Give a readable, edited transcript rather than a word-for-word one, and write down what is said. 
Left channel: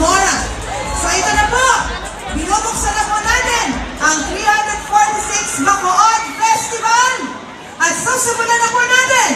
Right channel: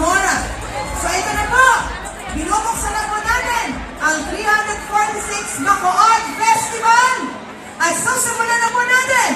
Zamora. So ito na po, binubuksan na po natin ang 346 Bacood Festival. At susimulan na po natin